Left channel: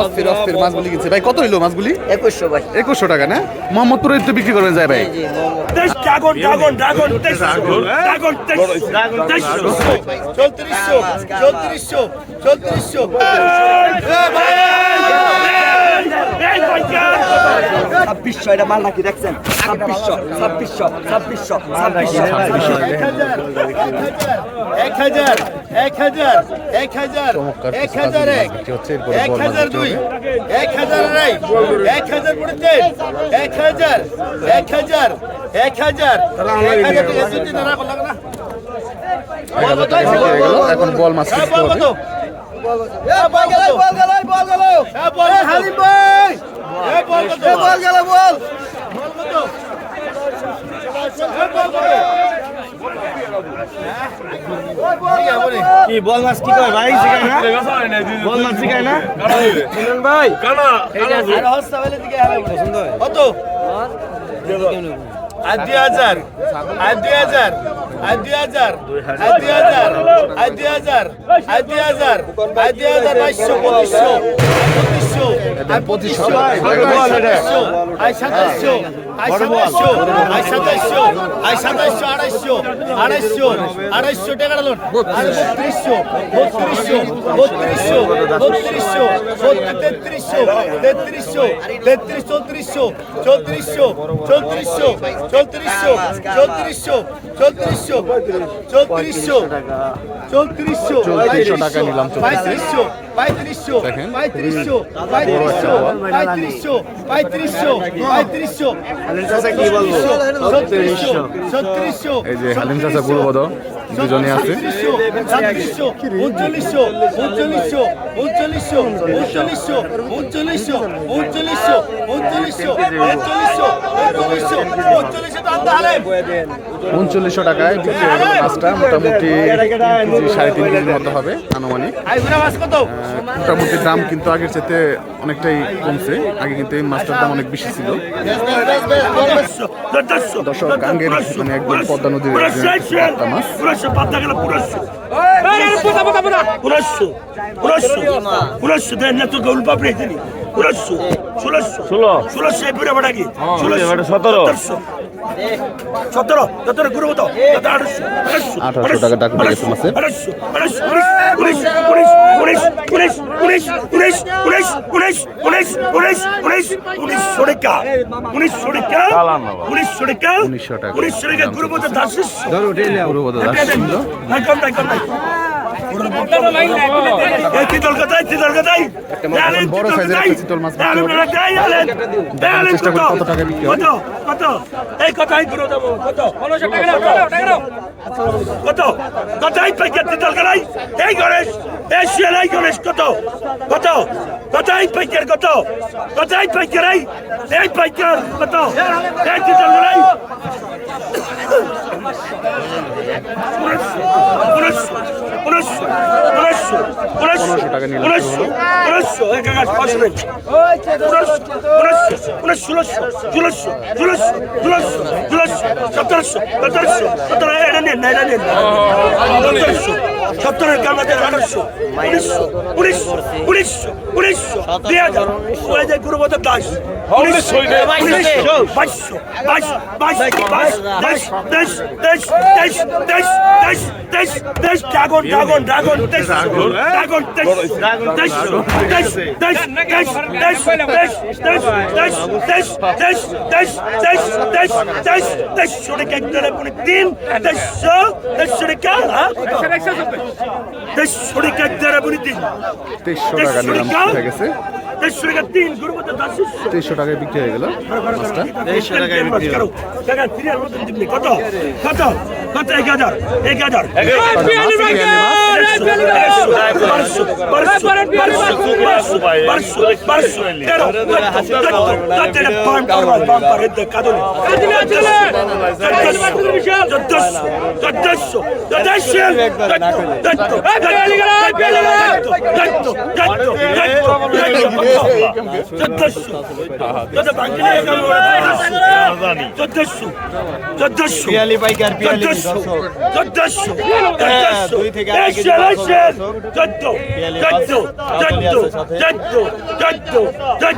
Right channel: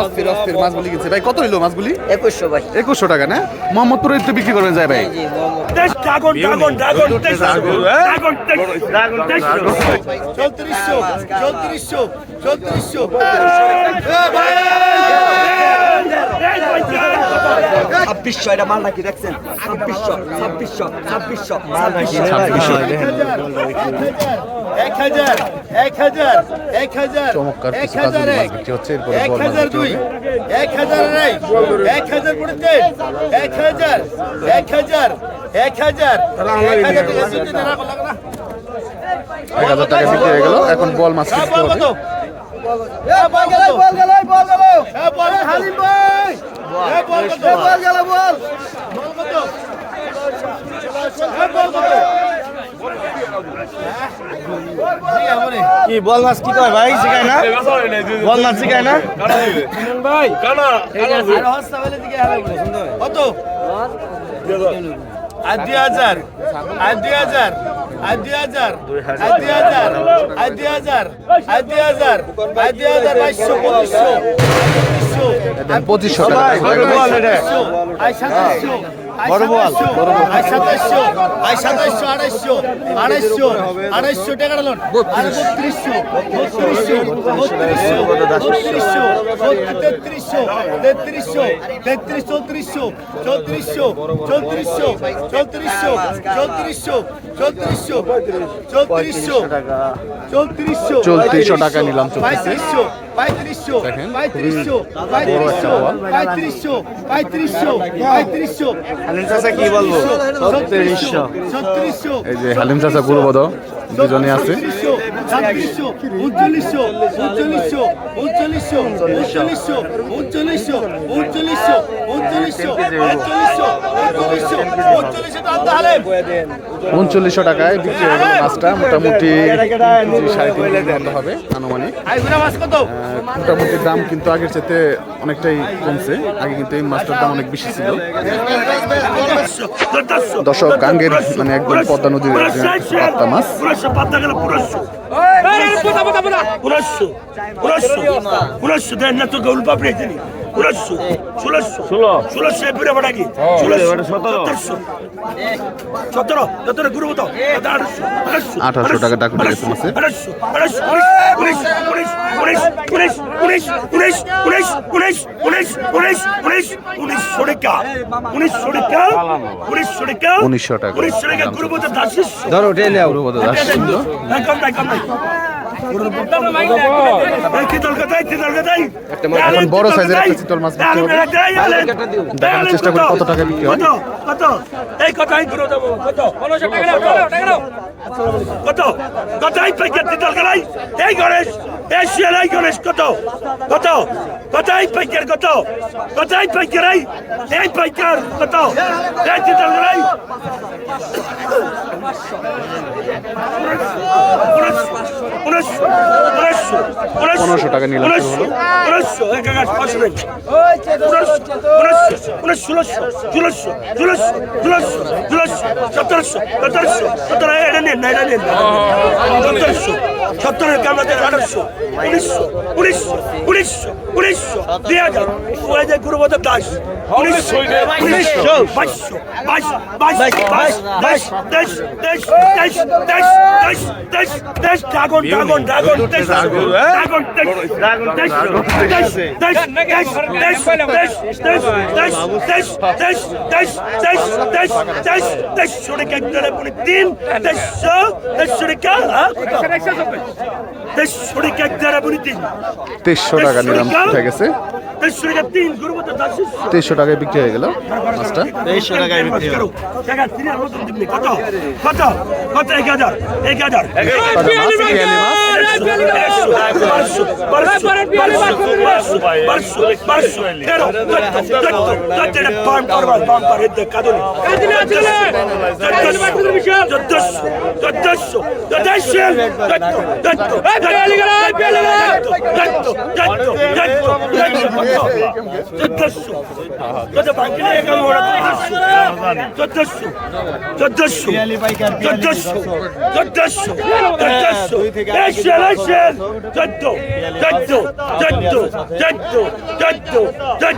অস্থির অস্থির মাছগুলি কিনছে। ভাই কত হইল মাছগুলি? একুশশো ভাই একুশশো টাকা না? মোহাম্মদপুরে তো বিক্রি করবেন যায় ভাই। ছাব্বিশশো এটা মাল নাকি দেখছেন? ছাব্বিশশো ছাব্বিশশো ছাব্বিশশো ছাব্বিশশো। ছাব্বিশশো এক হাজার এক হাজার হবে এক হাজার এক হাজার এক হাজার। এক হাজার। এক হাজার। এক হাজার টাকা বিক্রি হয়ে গেল। এখন বল মাছ হ্যাঁ, হবে বল কত? কি বল মাছ কি কয় ভাই শিখায় না? বল মাছ শিখায় না? ভাই কত? আর দুই হাজার। আর দুই হাজার। আর দুই হাজার। আর দুই হাজার। আর দুই হাজার। আর দুই হাজার। আর দুই হাজার বাইশশো পঁচিশশো। পঁচিশশো পঁচিশশো। টাকা আই সাতাশশো আড়াইশো আড়াইশো আড়াইশো টাকা লোন বত্রিশশো বত্রিশশো বত্রিশশো বত্রিশশো তেত্রিশশো তেত্রিশশো তেত্রিশ চৌত্রিশশো চৌত্রিশশো চৌত্রিশশো চৌত্রিশশো চৌত্রিশশো চৌত্রিশশো চৌত্রিশশো চৌত্রিশশো চৌত্রিশশো টাকা নিলাম চলতেছে পঁয়ত্রিশশো পঁয়ত্রিশশো পঁয়ত্রিশশো। পঁয়ত্রিশশো পঁয়ত্রিশশো এই যে হালিম চাচা গুরুবদ দুজনে আছে উনচল্লিশশো টাকায় বিক্রি হয়ে গেল মাছটা। মোটামুটি সাড়ে তিন কেজির মতো হবে আনুমানিক। মোটামুটি দাম কিন্তু আগের চেতে অনেকটাই কমছে। আগে কিন্তু এই মাছটার দাম অনেক বেশি ছিল। দশক গাঙ্গের মানে একদম পদ্মা নদীর পাত্তা মাছ। পুরস্য পুরস্য পুরস্য দেন না তো গৌল পাপড়ি ষোলোশো ষোলোশো ষোলোশো ষোলোশো ষোলোশো সতেরোশো। সতেরো সতেরো গুরু মতো আঠারোশো টাকা টাকা উঠে গেছে মাসে উনিশশো টাকা উনিশশো টাকা গুরু মতো দাস গুরু মতো দাস বড় সাইজের একটা চিতল মাছ দেখানোর চেষ্টা করি কত টাকা বিক্রি হয় কত এই কথাই ঘুরে যাব কত কত কথাই প্যাকেট চিতল গেলাই এই গণেশ এই শিয়ালাই গণেশ কত কত কথাই প্যাকেট কত কথাই প্যাকেট এই এই প্যাকেট কত এই চিতল গেলাই পনেরোশো টাকা নিলাম সতেরো আঠারোশো উনিশশো উনিশশো উনিশশো উনিশশো দুই হাজার দাস উনিশশো উনিশশো বাইশশো বাইশ বাইশ বাইশ দেশ দেশ দেশ দেশ দেশ দেশ দেশ দেশ ড্রাগন ড্রাগন ড্রাগন দেশ ড্রাগন দেশ দেশ দেশ দেশ দেশ দেশ দেশ দেশ দেশ দেশ দেশ দেশ দেশ দেশ দেশ দেশ শরিকা গেলে পুনে তিন দেশশো দেশ শরিকা দেশ শরিকা গেলে পুনে তিন তেইশশো টাকা নিলাম হয়ে গেছে দেশ শরিকা তিন গুরুমত দাস তেইশশো টাকায় বিক্রি হয়ে গেল মাছটা। কত কত কত এক হাজার এক হাজার মাছ। পিয়ালি মাছ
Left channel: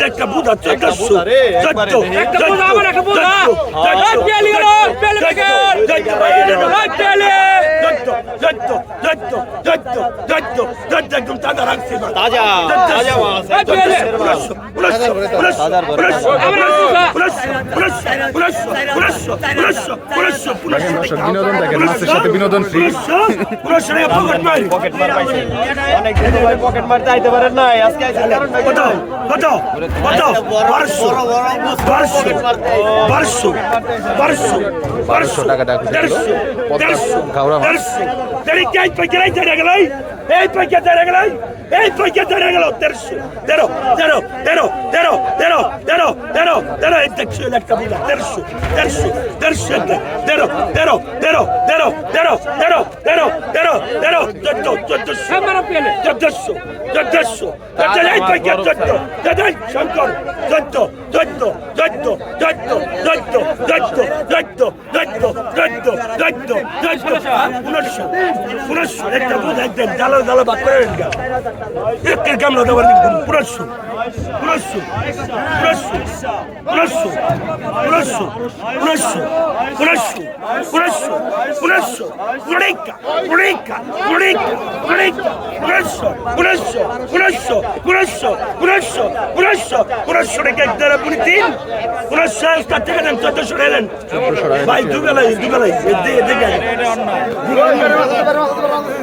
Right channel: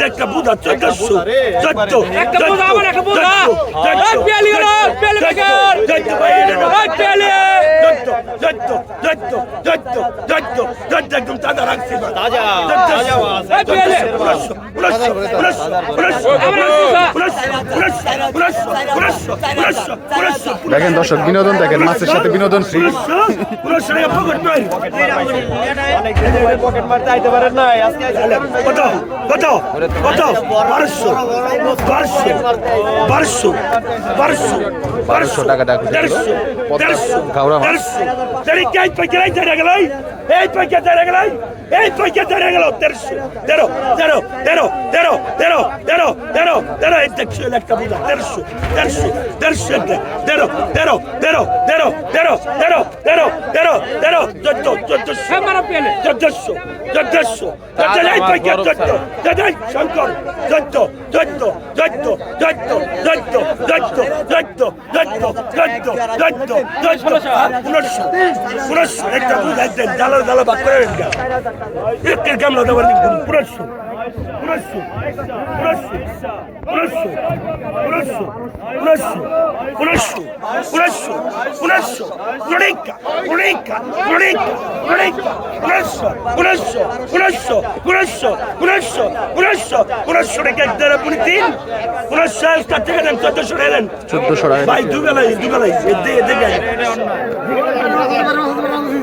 একটা বুধা চোদ্দশো চোদ্দ চোদ্দ চোদ্দ চোদ্দ চোদ্দ একটা বুধা চোদ্দশো চোদ্দ চোদ্দ একদম তাজা রাখছি দেখেন দর্শক বিনোদন দেখেন মাছের সাথে বিনোদন ফ্রি কত কত কত বারোশো বারোশো বারোশো বারোশো বারোশো টাকা পদ্মা Дерекять, потерять, дерегай! এই পয়সা ধরে গেল এই পয়সা ধরে গেল তেরোশো তেরো তেরো তেরো তেরো তেরো তেরো তেরো তেরো এই দেখছ একটা বুঝা তেরোশো তেরোশো তেরোশো একটা তেরো তেরো তেরো তেরো তেরো তেরো তেরো তেরো তেরো চোদ্দ চোদ্দশো চোদ্দশো চোদ্দশো চোদ্দ এই পয়সা চোদ্দ চোদ্দ শঙ্কর চোদ্দ চোদ্দ চোদ্দ চোদ্দ চোদ্দ চোদ্দ চোদ্দ চোদ্দ চোদ্দ চোদ্দ চোদ্দ উনিশশো উনিশশো একটা বুঝা একদম জালো জালো বাচ্চা একের কামড়া দেওয়ার পুরস্য পুরস্য পুরস্য পুরস্য পুরস্য পুরস্য পুরস্য পুরস্য পুরস্য পুরেকা পুরেকা পুরেকা পুরেকা পুরস্য পুরস্য পুরস্য পুরস্য পুরস্য পুরস্য পুরস্য রেখে একদারা পুরি তিন পুরস্য কার থেকে দেন চোদ্দশো এলেন চোদ্দশো ভাই দুবেলাই দুবেলাই এদিকে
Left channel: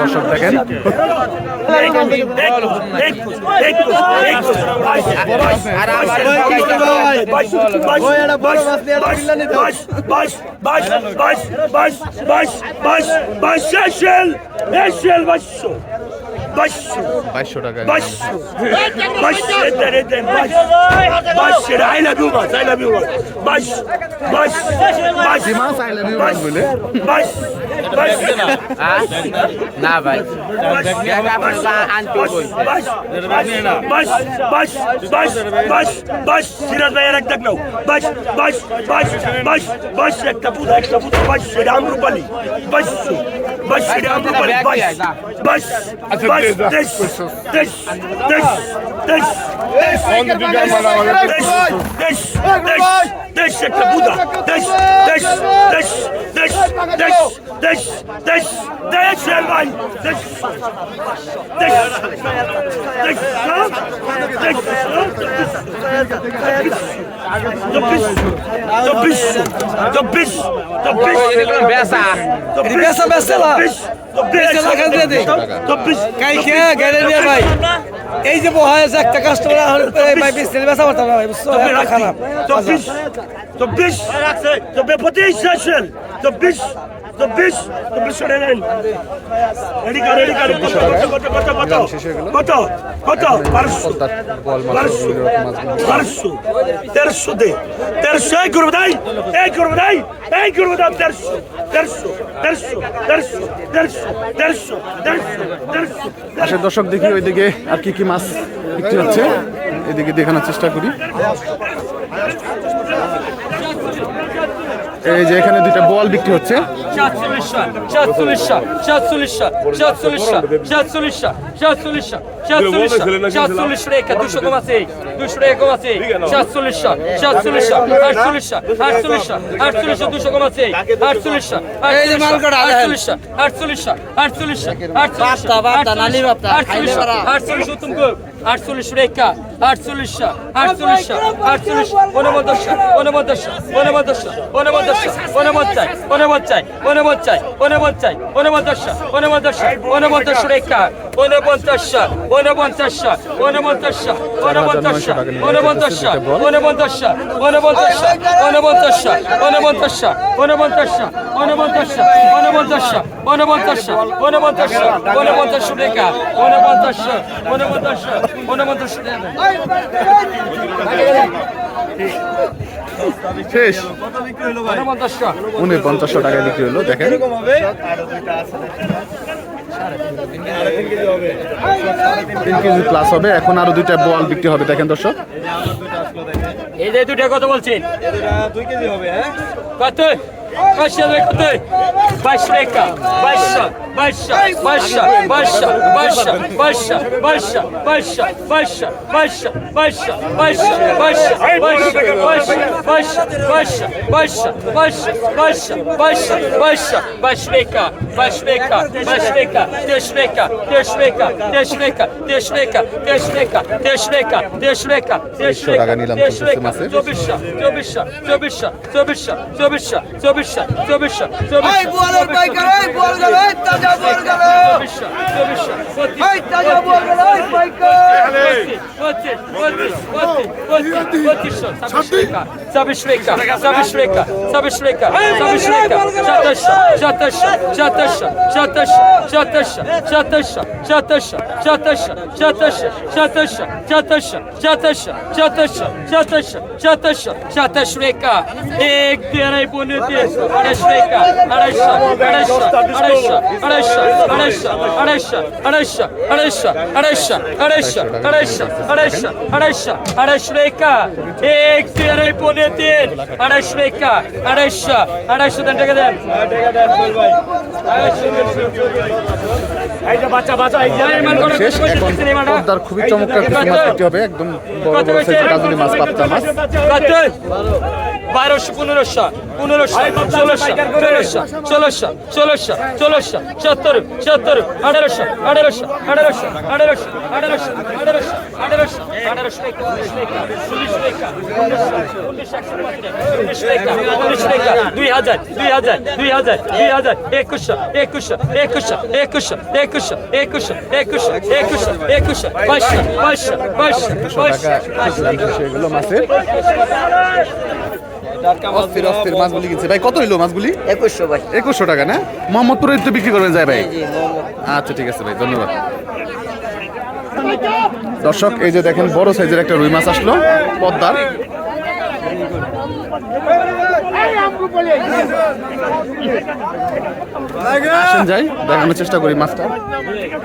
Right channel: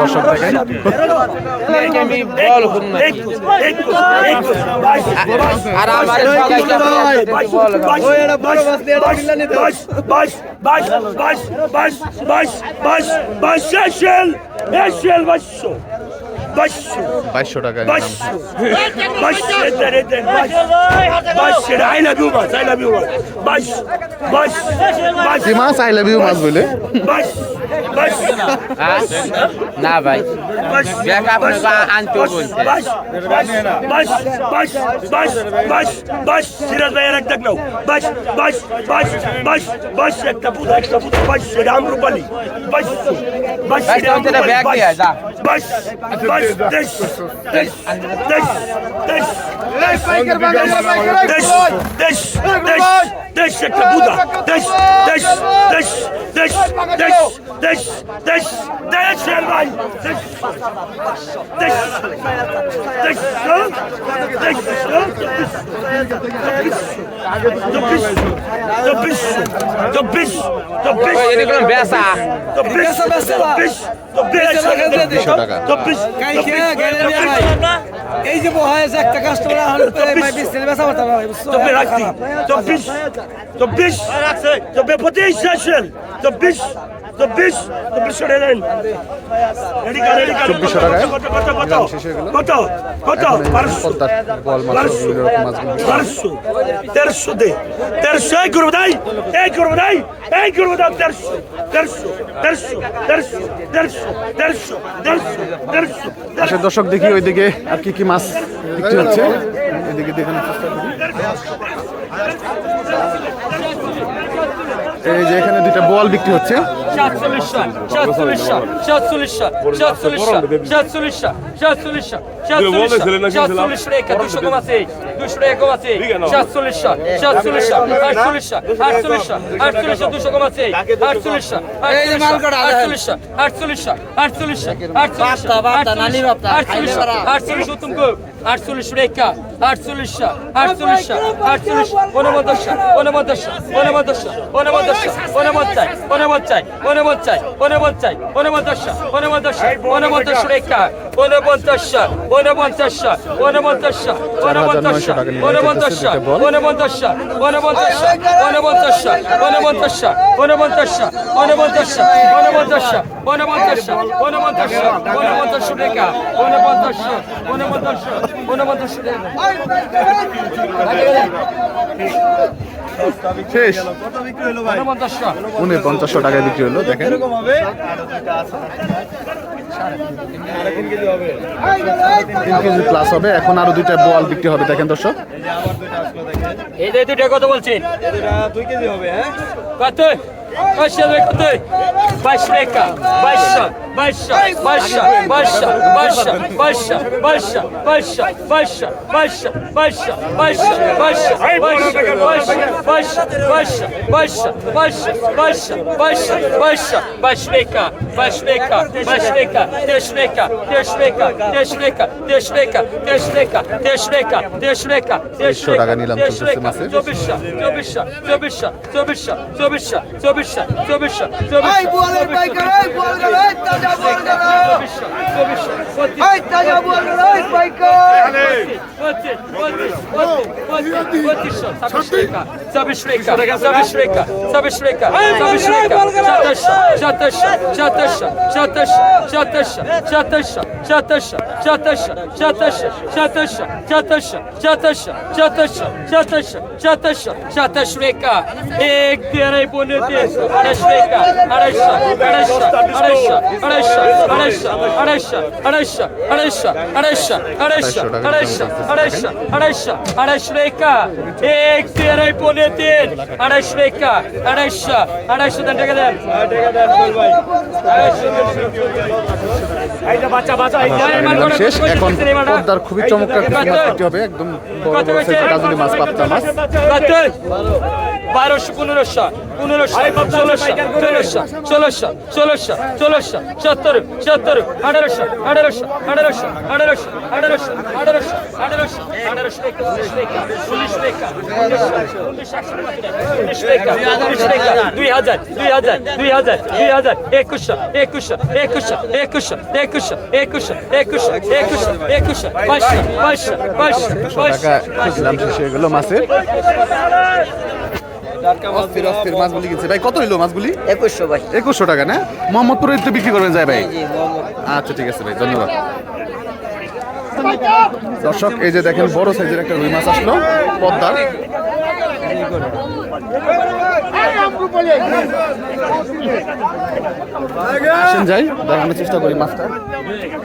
দর্শক দেখেন Başşel, eşşel başşel. বাইশশো টাকা মাছ আই লাভ ইউ মাছ বলে না ভাই একটা পুজো একটা পুজো রূপালী বাইশশো পুরো একটা পুরো বাস রামরূপালি বাস বাস রামরূপালি বাস বাস বাস দেশ দেশ দেশ দেশ দেশ দেশ দেশ দেশ একটা বুধা দেশ দেশ দেশ দেশ দেশ দেশ দেশ দেশ ভাই দেশ দেশ দেশ দেশ চব্বিশ চব্বিশ চব্বিশ চব্বিশ চব্বিশ চব্বিশ চব্বিশ এই যে বহায়েছে একটা কাস্টমার আর এই মাই বিশ দিন বেচা করতে পারে চব্বিশ রাখা চব্বিশ চব্বিশ চব্বিশ পঁচিশ শেষ চব্বিশ। চব্বিশ চব্বিশশো টাকায় নিলাম শেষ হয়ে গেল। কত বারোশো। বল মাছ বারোশো বিভিন্ন রকম মাছগুলো বারোশো তেরোশো দে। তেরোশো এই করব নাই এই করব নাই এই করব দাও তেরোশো তেরোশো তেরোশো তেরোশো তেরোশো তেরোশো তেরোশো তেরোশো আসলে দর্শক দেখি ওইদিকে আর কি কি মাছ বিক্রি হচ্ছে। এদিকে দেখানোর চেষ্টা করি এই যে এখানে দুইটা বল বিক্রি হচ্ছে সাতচল্লিশশো সাতচল্লিশশো সাতচল্লিশশো সাতচল্লিশশো সাতচল্লিশশো আটচল্লিশশো রেখা আটচল্লিশশো আটচল্লিশশো আটচল্লিশ ঊনপঞ্চাশশো ঊনপঞ্চাশশো ঊনপঞ্চাশশো ঊনপঞ্চাশশো ঊনপঞ্চাশ ঊনপঞ্চাশ ঊনপঞ্চাশ ঊনপঞ্চাশ ঊনপঞ্চাশশো ঊনপঞ্চাশশো ঊনপঞ্চাশশো রেখা ঊনপঞ্চাশশো ঊনপঞ্চাশশো ঊনপঞ্চাশশো চার হাজার নয়শো টাকা নিয়ে চলতেছে দুইটা বল ঊনপঞ্চাশশো ঊনপঞ্চাশশো ঊনপঞ্চাশশো ঊনপঞ্চাশশো ঊনপঞ্চাশশো ঊনপঞ্চাশশো ঊনপঞ্চাশশো ঊনপঞ্চাশশো টাকা ঊনপঞ্চাশশো ঊনপঞ্চাশশো ঊনপঞ্চাশশো টাকা। শেষ। ঊনপঞ্চাশশো টাকায় বিক্রি হলো দেখেন। তিন কেজি প্লাস হবে এখন আরও দুইটা বল বিক্রি হবে দেখেন দর্শক। এই যে দুটা কত বলছেন। দুই কেজি হবে হ্যাঁ? কত Başla Bekti. Baş Beka. Başla. বাইশশো বাইশশো বাইশশো বাইশশো বাইশশো বাইশশো বাইশশো বাইশশো বাইশশো বাইশশো বাইশশো বাইশশো বাইশশো বাইশশো বাইশশো বাইশশো বাইশশো বাইশশো বাইশশো বাইশ টাকা বাইশ টাকা বাইশ টাকা তেইশ টাকা তেইশ টাকা তেইশ টাকা তেইশ টাকা তেইশ টাকা তেইশ টাকা তেইশ টাকা তেইশশো টাকা নিলাম চলতেছে মাছের। চব্বিশশো চব্বিশশো চব্বিশশো চব্বিশশো চব্বিশশো চব্বিশশো চব্বিশশো এই বলের পাইকার এই বলের এই তাজা বল গেল চব্বিশশো Çataşa, çataşa, çataşa, আড়াইশ আড়াইশো আড়াইশো আড়াইশো আড়াইশো আড়াইশো আড়াইশো আড়াইশো আড়াইশো আড়াইশো আড়াইশো এক আড়াইশো আড়াইশো আড়াইশো দেন টাকা দেন শেষ এখন পদ্মার খুবই চমৎকার কিছু মাছ হবে একদম বড় বড় সাইজের কাজলি মাছ। পাবদা মাছ বারোশো পনেরোশো পনেরোশো ষোলোশো ষোলোশো ষোলোশো ষোলোশো ষোলোশো সত্তর সত্তর আঠারোশো আঠারোশো আঠারোশো আঠারোশো আঠারোশো আঠারোশো আঠারোশো আঠারোশো উনিশ রেখা উনিশ রেখা উনিশ রেখা দুই হাজার দুই হাজার দুই হাজার দুই হাজার একুশশো একুশশো একুশশো একুশশো একুশশো একুশশো একুশশো একুশশো একুশশো বাইশশো বাইশশো বাইশশো বাইশশো টাকা দাম শেষ হয়ে গেলো মাছের অস্থির অস্থির মাছগুলি কিনছে ভাই কত হইল মাছগুলি একুশশো ভাই একুশশো টাকা না মোহাম্মদপুরে তো বিক্রি করবেন যায় ভাই আচ্ছা ঠিক আছে ভাই ধন্যবাদ দর্শক এই যে দেখেন বড় সাইজের একটা রুই মাছ আসলো পদ্মার আসেন যাই দেখানোর চেষ্টা করি মাছটা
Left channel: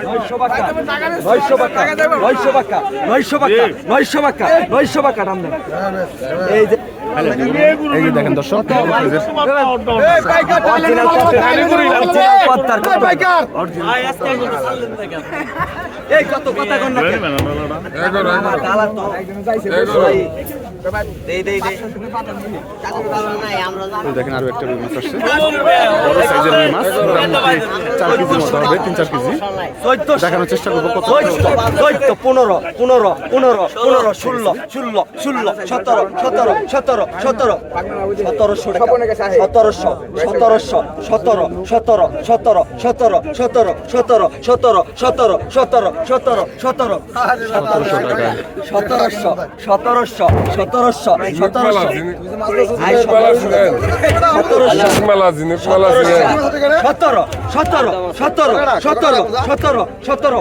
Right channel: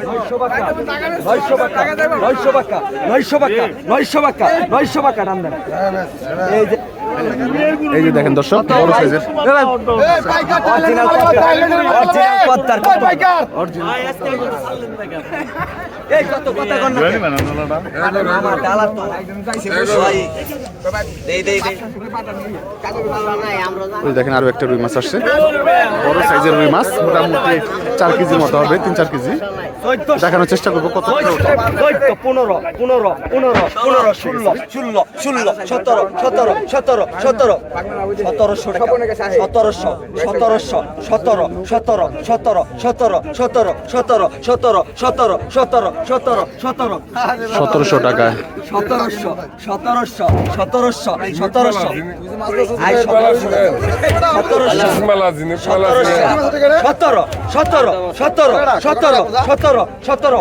নয়শো বাক্কা নয়শো বাক্কা নয়শো বাক্কা নয়শো বাক্কা নয়শো বাক্কা নয়শো বাক্কা নাম দেন এই যে এই যে দেখেন দর্শক বড় সাইজের অরিজিনাল অরিজিনাল এই কত কথা কন না আমার ডালা তো একদম যাইছে ভাই দেখেন আরও একটা রুই মাছ আসছে। বড় সাইজের রুই মাছ মোটামুটি চার কেজির মতো হবে তিন চার কেজি। দেখানোর চেষ্টা করব কত পনেরো পনেরো পনেরো পনেরো ষোলো ষোলো ষোলো সতেরো সতেরো সতেরো। সতেরো সতেরোশো সতেরোশো সতেরোশো সতেরো সতেরো সতেরো সতেরো সতেরো সতেরো সতেরো সতেরো সতেরো সতেরো সতেরো সতেরোশো টাকা সতেরোশো সতেরোশো সতেরোশো সতেরোশো সতেরো সতেরো সতেরো সতেরো সতেরো সতেরো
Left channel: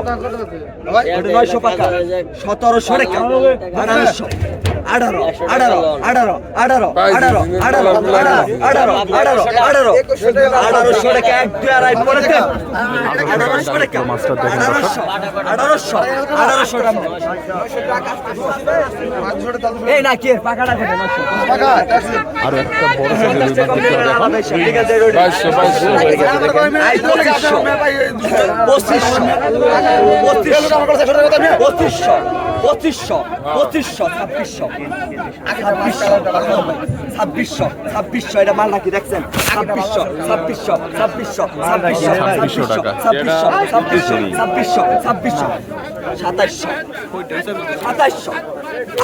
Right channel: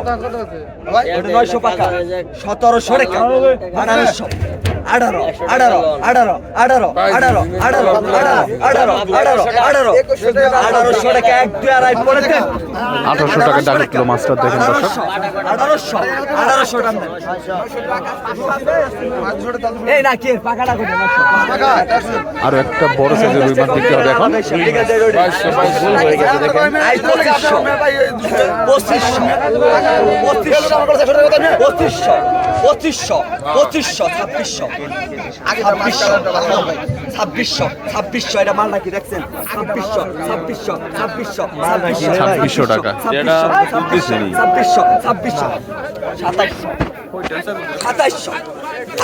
নয়শো টাকা সতেরোশো রেখা আঠারোশো আঠারো আঠারো আঠারো আঠারো আঠারো আঠারো আঠারো আঠারো আঠারো আঠারো। আঠারোশো রেখা এক দুই আড়াই পরে আঠারোশো টাকা মাছটা দেখেন আঠারোশো আঠারোশো টাকা এই না কি আরও একটা বড় সাইজের রুই মাছ দেখতে হবে এখন। পঁচিশশো পঁচিশশো পঁচিশশো ছাব্বিশশো। ছাব্বিশশো ছাব্বিশশো এটা মাল নাকি দেখছেন? ছাব্বিশশো ছাব্বিশশো ছাব্বিশশো ছাব্বিশশো ছাব্বিশশো টাকা। ছাব্বিশশো ছাব্বিশশো ছাব্বিশশো। ছাব্বিশশো সাতাইশশো সাতাইশশো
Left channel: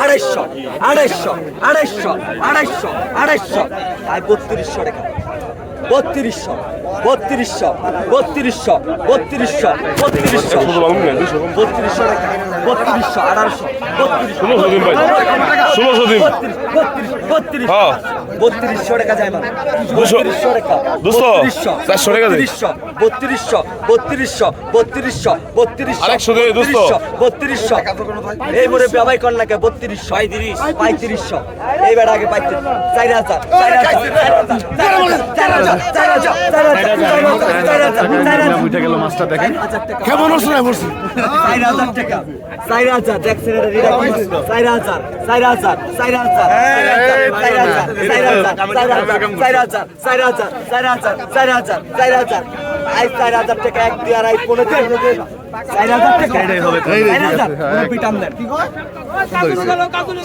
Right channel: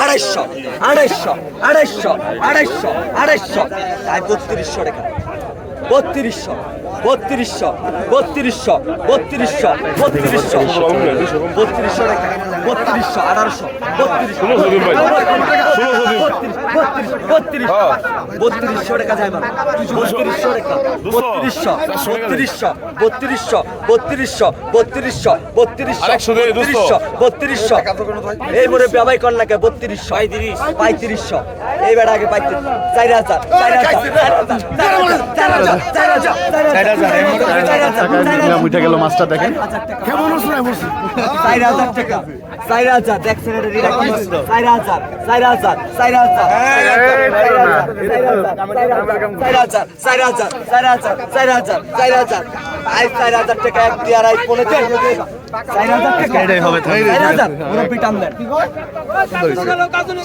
আড়াইশো আড়াইশো আড়াইশো আড়াইশো আড়াইশো তাই বত্রিশশো টাকা। বত্রিশশো। বত্রিশশো বত্রিশশো বত্রিশশো বত্রিশশো বত্রিশশো বত্রিশশো আঠারোশো হ্যাঁ। বত্রিশশো টাকা যায় মানে বত্রিশশো টাকা? বত্রিশশো। বত্রিশশো বত্রিশশো বত্রিশশো বত্রিশশো আরেকশো দিন, বত্রিশশো এই মোড়ে কর না বত্রিশশো পঁয়ত্রিশশো এই বেড়া আগে পঁয়ত্রিশ চার হাজার চার হাজার চার হাজার চার হাজার চার হাজার মাছটা দেখেন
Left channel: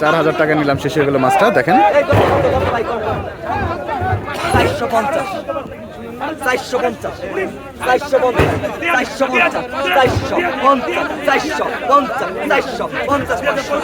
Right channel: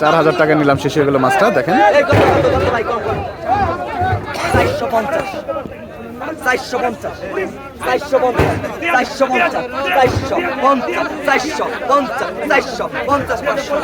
চার হাজার টাকা নিলাম শেষ হয়ে গেল মাছটা দেখেন চারশো পঞ্চাশ চারশো পঞ্চাশ। চারশো পঞ্চাশ। চারশো পঞ্চাশ। চারশো পঞ্চাশ। চারশো পঞ্চাশ। চারশো পঞ্চাশ পাঁচশো।